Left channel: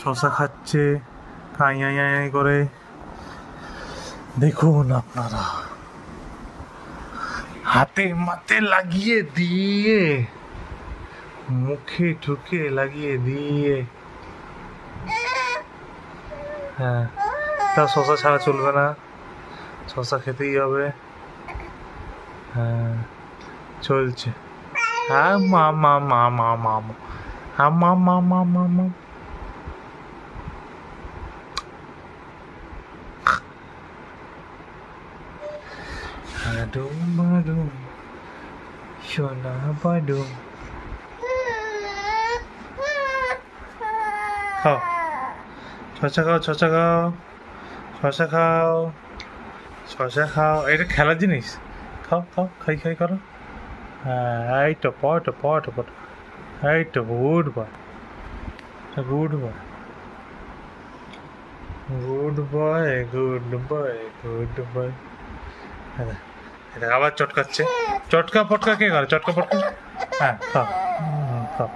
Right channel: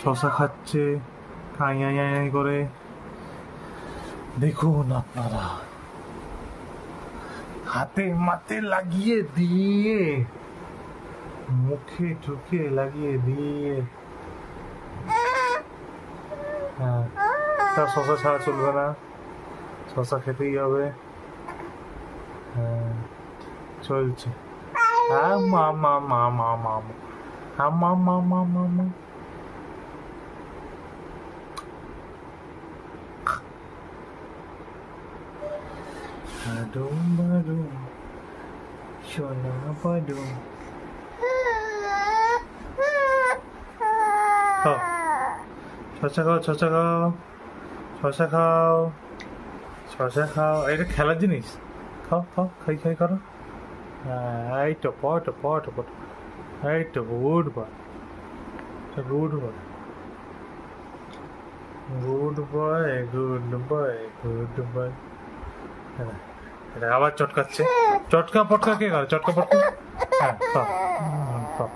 শশা খাচ্ছে খাই করে, দেখুন আপনারা, হাতে মাতে লাগিয়ে দিয়ে, মুখে ঠুকে লাগিয়ে দিয়ে। হ্যাঁ, তা শশা ছাড়া চলবে না, শশা খেতেই হবে। হ্যাঁ, চলছে। হ্যাঁ, মা মা মা মা মা মা, হ্যাঁ মা মা মা মা মা। Adum badum, shona badum. খাও, শসা খাও, শসা খাও, শসা খাও, শসা খাও। এটা খেলার জিনিস। খাও খাও, খাই খাই করো। হ্যাঁ, এই তো পট পট পট, এই তো good boy, good boy, good boy, good boy, good boy. এটা আবার চটকাচ্ছে। চটকা পটকা কে করে? চটকা পটকা। হ্যাঁ, খাও খাও।